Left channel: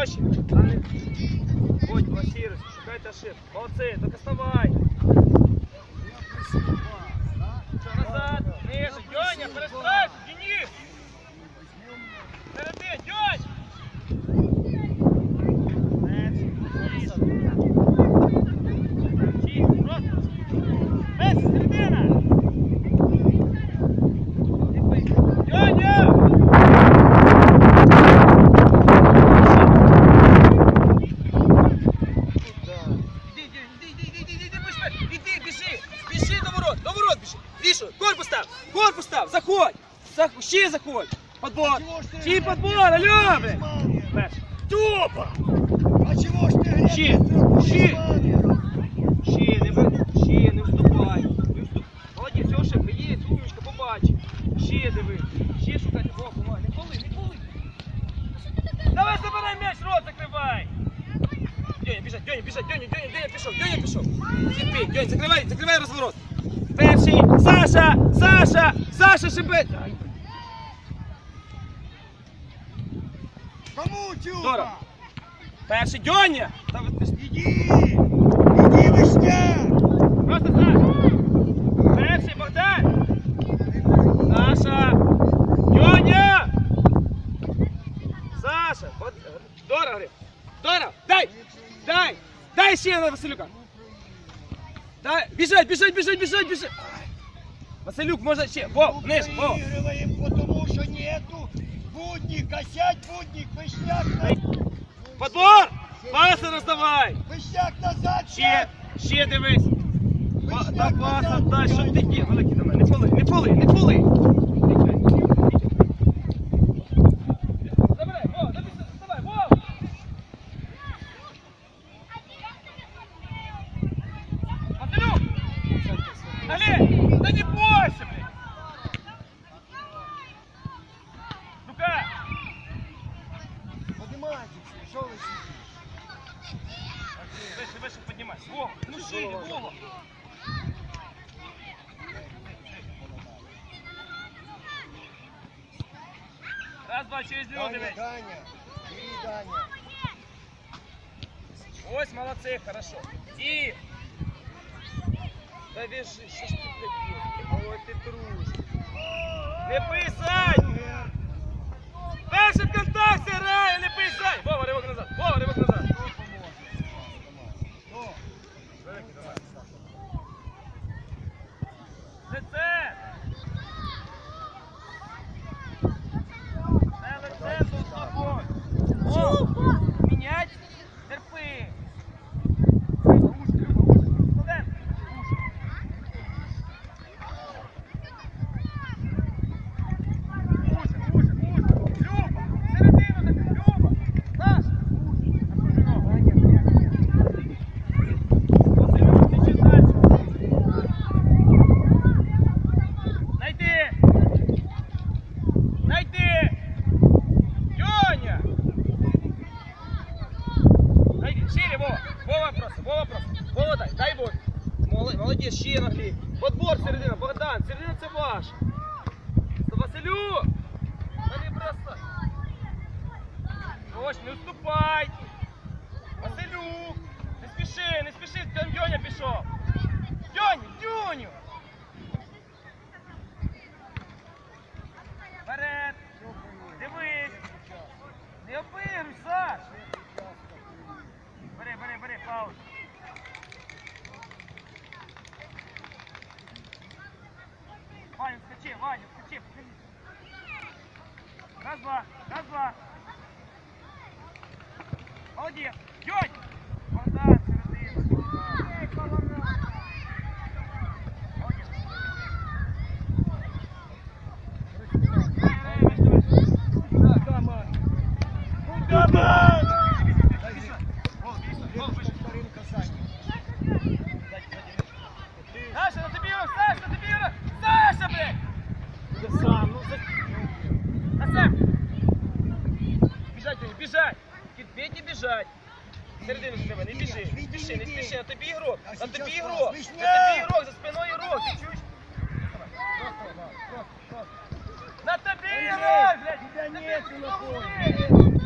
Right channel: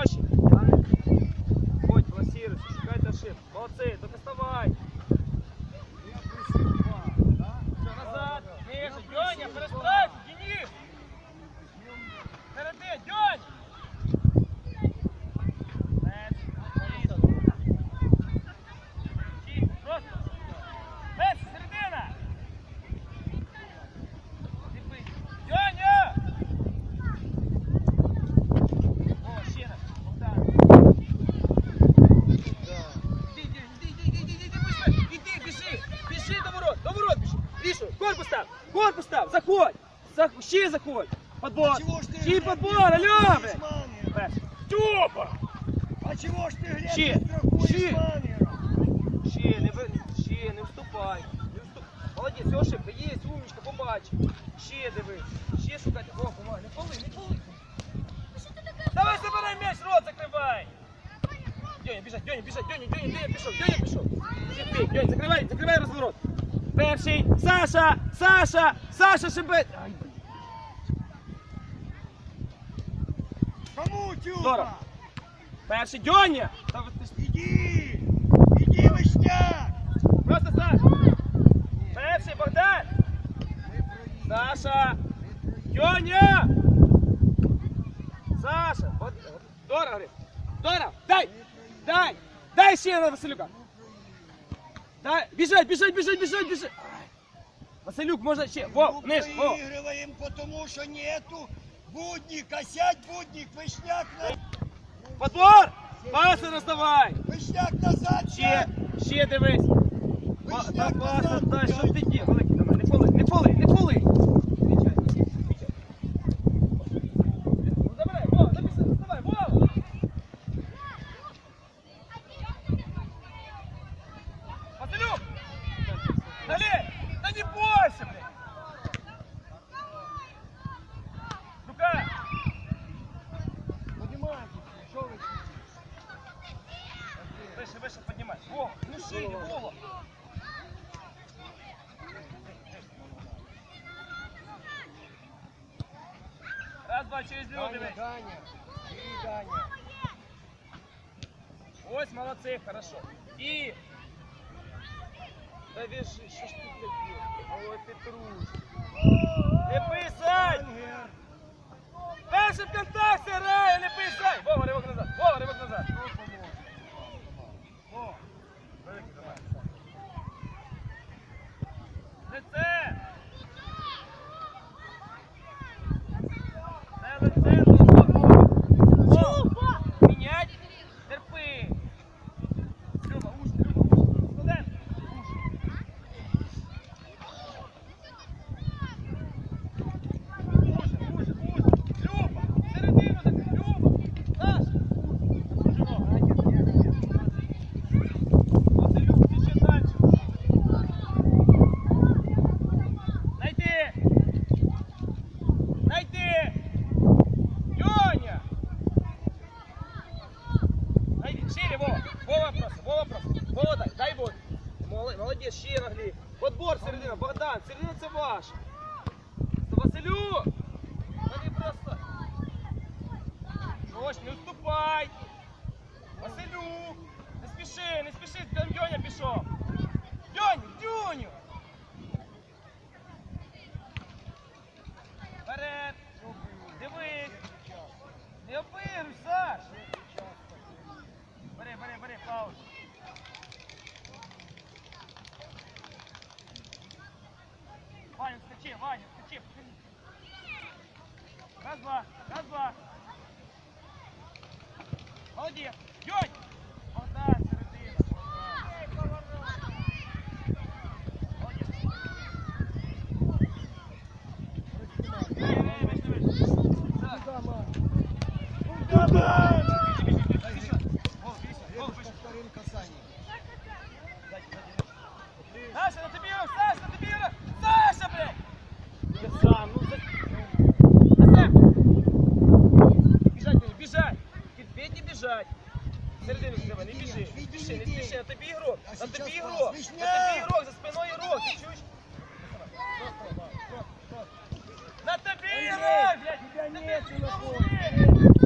Проще. Ходь, блокируйся, шукайте ошибку. Молодцы, так доставай. Назад, Леша, Деня, переставь, Денис. заходь, подбор, ще подбор, алло, блядь. Перший. Тупо! А чего ж ты грязь Щи, не щи. сделал? Ще, не ви- ще, не вступай. Не вступ- Молодець, Йошик, є, умничка, побач. Ще дивись, ще шукай. О, помагай, не поли, не поли. Давай забирай м'яч, рот закривай. Дьоня, біжать, Дьоня, біжать, Дьоня, Дьоня, Дьоня пішов, Дьоня пішов. Терпи, Дьоня, закривай, закривай розворот. Перший, Саша, Саша, Саша, шибет. Здорово. Перший, Дьоня. Та ви- ти ж- Иди! Иди, Вишня! Просто Саша. Перший, Богдан. Саша. Дьоня. Саша. От, Дора, говори. Дора, дай. Дай. Дай ще на Василюка. Дай. Біжать, біжать, біжать, біжать, біжать. Василюк, можна ще. Во, вниз, во. Выигрываем, потому что нету будника. Сядь, будник, Вишняк. Подбор. Паси роздавай. Вишняк назад. Ще, ще дивись. Так, паса, дай, що ти є? Не поли, не поли, не поли. Забирай, во, написано, доставай, во. Василюк! Олег, да не бойся, блядь! Ну-ка! Поднимайтесь, что вы сидите? Выше, выше поднимайся. Во, ну шире, Вова. Раз, два, через Даня, люди. Даня, бери, Даня. Ось, молодцы, хорошо. И... Да вешай, что ж ты, блядь? Ой, ты трус. Не писай! Перший контакт, грає, не писай! Вова, ривок назад, Вова, ривок назад. Лице! Це лице за тобою. О, Мінять, терпи. Люба, ушки, Люба, ушки. Студент, ушки. Уже, уже, уже. Люба, середину закрий, Люба. Саш. Василюк, ти ще дальше. Найди. Найди. Лёня. Найди, шире, Вова. Вова просто, Вова просто. Вова дай, дай вот. Молодець, молодець, ще наглі. Подбор середина, Богдан, середина це ваш. Василю! Далі просто. Ось, не уступай. Василю! Не спіши, не спіши, там Дьоня пішов. Дьоню, Дьоню! Вперед! Дивись! Не опируй, Саш! Бери, бери, бери, паузу. Ваня, скачи, Ваня, скачи, покажи. Раз, два, раз, два. Молодец. Дёнь! Let's go.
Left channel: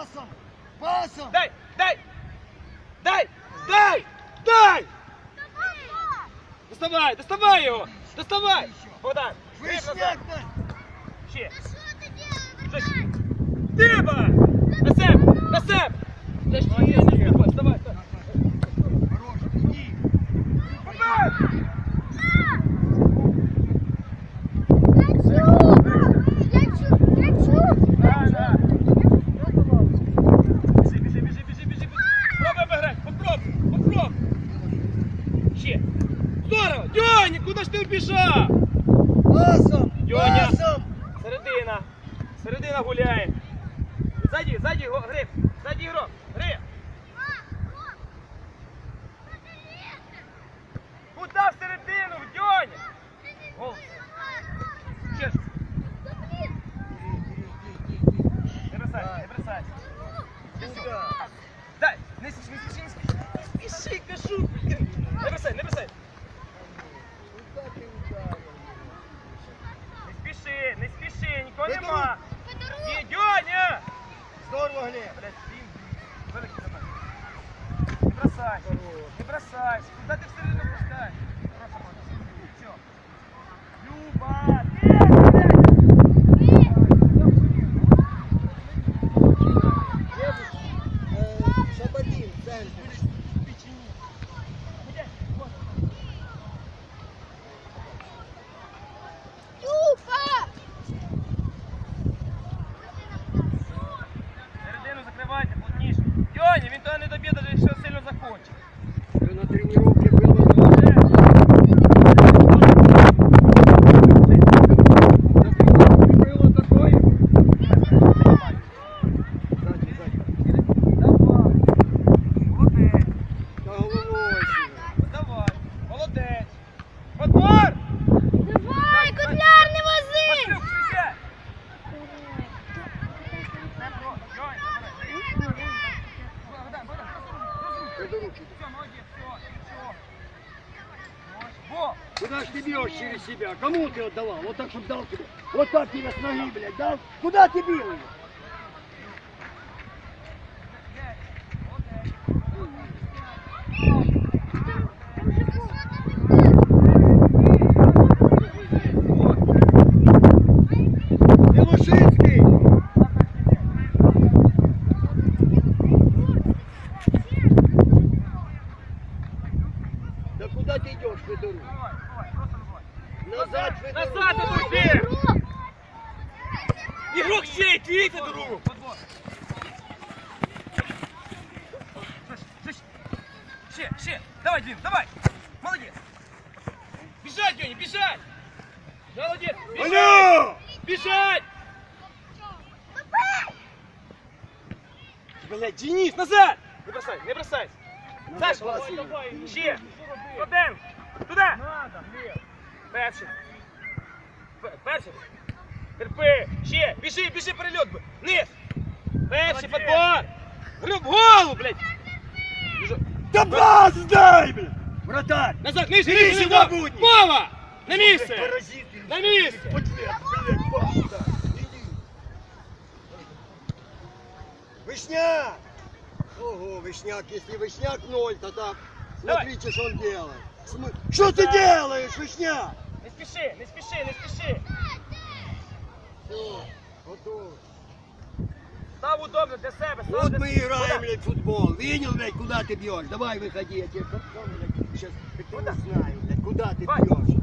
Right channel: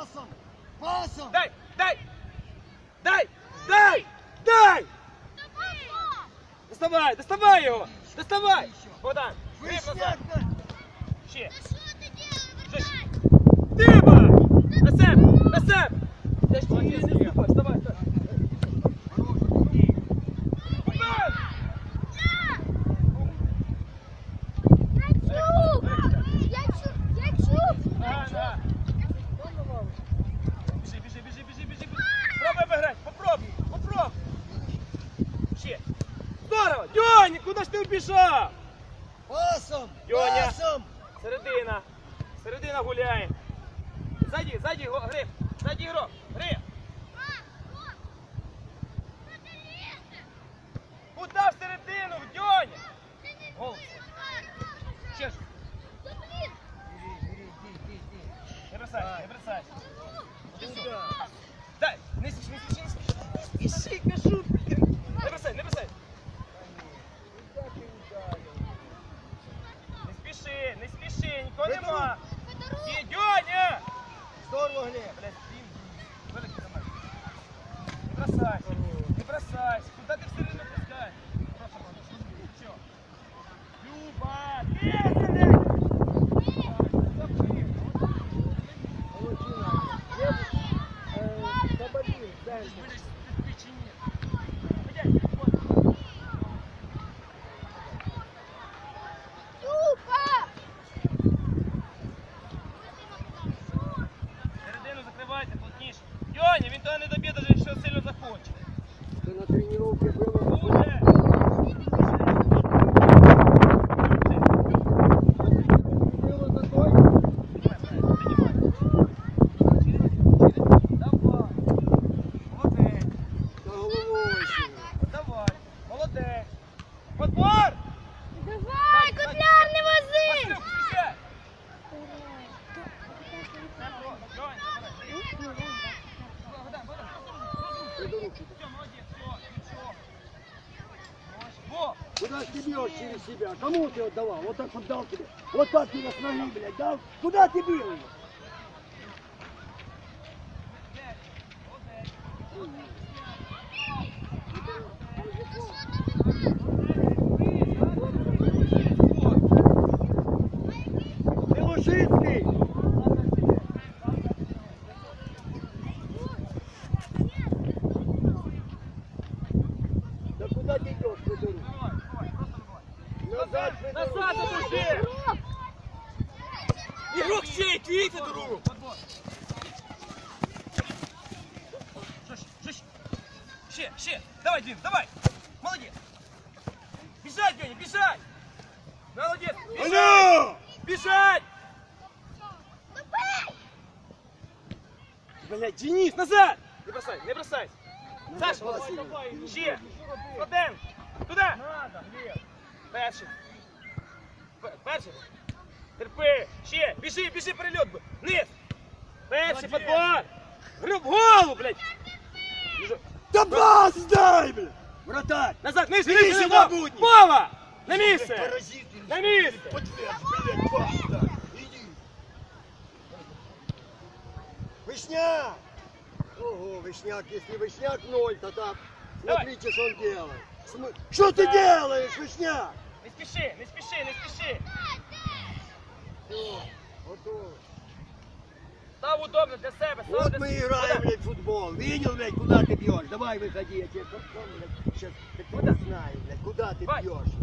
Пасом! Пасом! Дай, дай! Дай! Дай! Дай! Доставай, доставай його! Доставай! Богдан! гриб назад. Вишняк! Ще! Диба! На себе! На себе! Де ж твоє Куди в середину, в Дьоні? Гол. Ще ж. Не бросай, не бросай. Дай, не спіши, не спіши, не спіши. Не спіши, кажу. Не бросай, не бросай. Не спіши, не спіши, нікого Не нема. Є, Дьоня! Здорово, Глеб! Блядь, блін, великий замах. Не бросайся, не бросайся. Куда ти в середину Дьоня, він того не доб'є, навіть якщо сильно захоче. Вже на тренировке Ж ты бьешь через себя? Кому ты отдавал? Вот так, чтобы дал тебе. Вот так тебе с ноги, блядь, дал. Куда ты бил его? Белушинский! Да куда ты идешь, Федорук? Давай, давай, просто давай. Назад, Федорук! Назад, отойди! Игрок чей, ты Федорук! Ще, ще, давай, Дим, давай! Молодец! Бежать, Дёня, бежать! Молодец! Бежать! Алло! Бежать! Блядь, Денис, назад! Не бросай, не бросай! Назад, Саша, Василий. ще! Один! Туди! Перший! П- Перший! Терпи! Ще! Біжи, біжи, перельот! би. Низ! Перший, подбор! В голову, блядь! Біжи. Да пас дай, блядь! Вратарь! Назад, нижче, Нижче, нижче, на Вова! будні. Вова! На місце! Паразиты! На місце! Подлец, блядь, пас сюда! Иди! Вишняк! Ого, Вишняк, если Вишняк ноль, то так. Давай. Смотрите, что он делает. См- Что ты делаешь, Вишняк? Не спіши, не спіши, не спіши! Вот Став удобно для себе, став Вот для мы себе. играем, блядь, в футбол. Видел, блядь, куда ты бьешь? Давай выходи, я тебе потом, блядь, сейчас Куда? знаю, блядь, куда ты Давай. бьешь.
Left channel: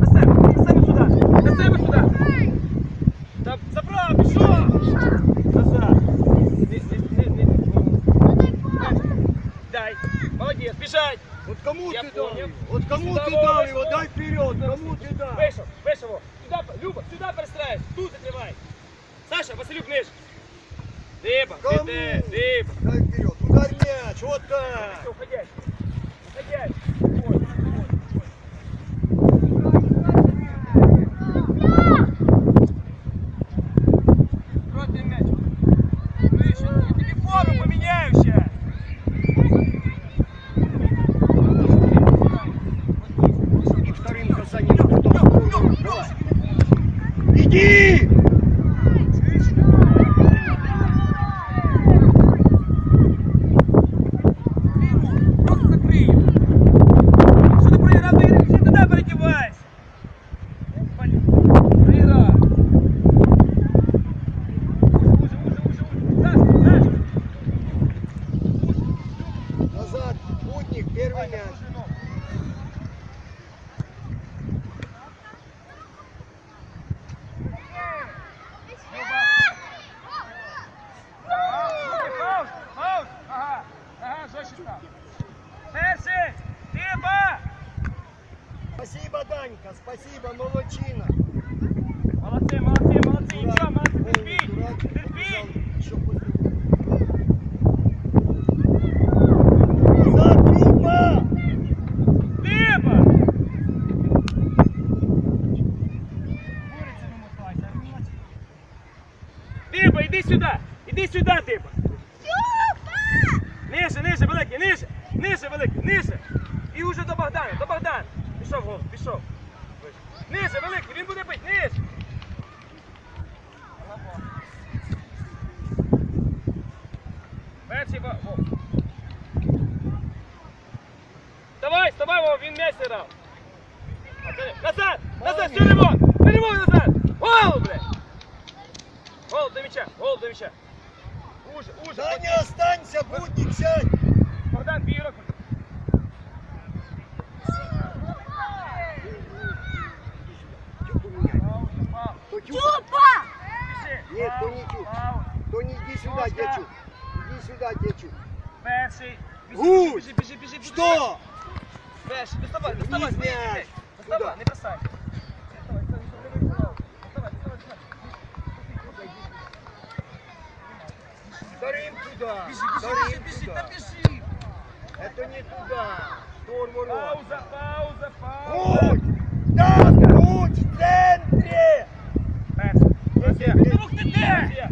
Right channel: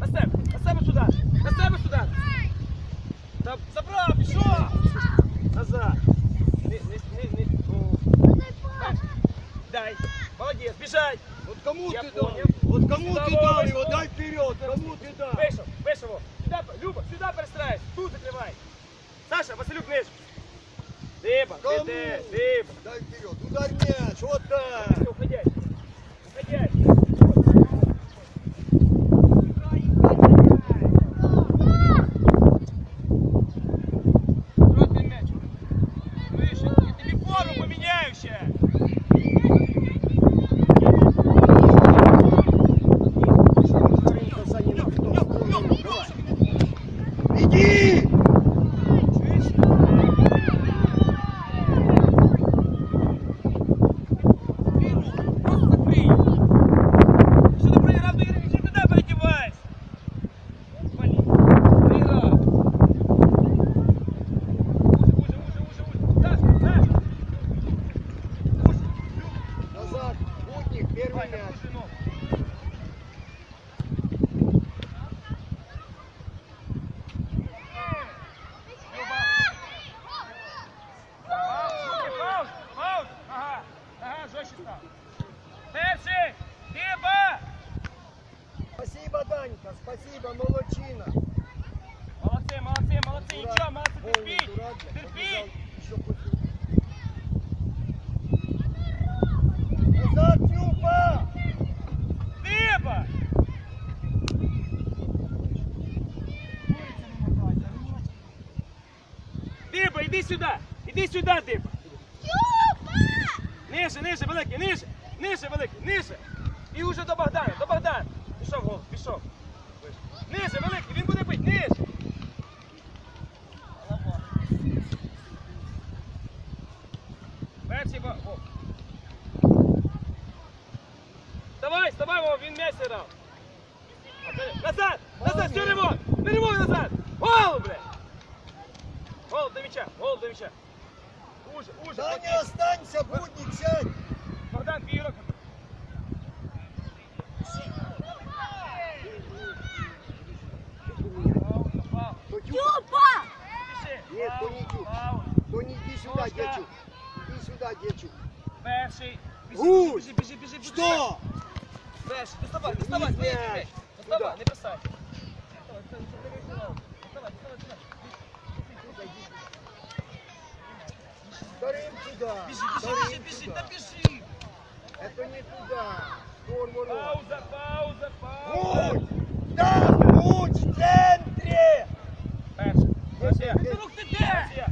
На себе, на себе сюди! На себе сюди! Та забрав, пішов! Назад! Не, не, не, не. Дай! Молодець, біжать! Вот кому Я ты дал? понял. Вот кому Сюда, ты дал сюда. его? Дай вперед. Кому ты дал? Вийшов, вийшов! Сюди, Люба, сюди перестраюсь! Тут закривай! Саша, Василюк, ниж! Диба, Кому? іди, диба! Дай вперед. Ударь мяч. Вот так. Уходяй! Уходяй! назад. Путник, первый мяч. Іди сюди, типа! Ниже, ниже, великий, ниже! Ниже, великий, ниже! І уже до Богдана, до Богдана! Пішов, гол, пішов! Ниже, великий, він буде бити, ниже! Перший гол. гол. Давай, вставай, Вова, він м'яч грав! Назад! Назад! Все, ремонт! Ремонт назад! Гол, блядь! Гол до мяча! Гол до мяча! Уже, уже! Да не останься, будник, сядь! Богдан, твій руки! Фаул, фаул. То тю- Тюпа! Пиши. Нет, то Фаул, не тю. фаул. То не иди сюда, Ножка. дечу. Иди сюда, дечу. Перший. Біжи, Гусь! біжи, біжи, біжи, біжи. Что? Перший, доставай, доставай, Ні, ні, ні, ні. ні. Доставай, не бросай. Вторым туда. Бежи, бежи, бежи, бежи, да бежи. Это не туда. Шторму Пауза, пауза, пауза. Путь! Да, путь в центре! Перший. Рух ти де?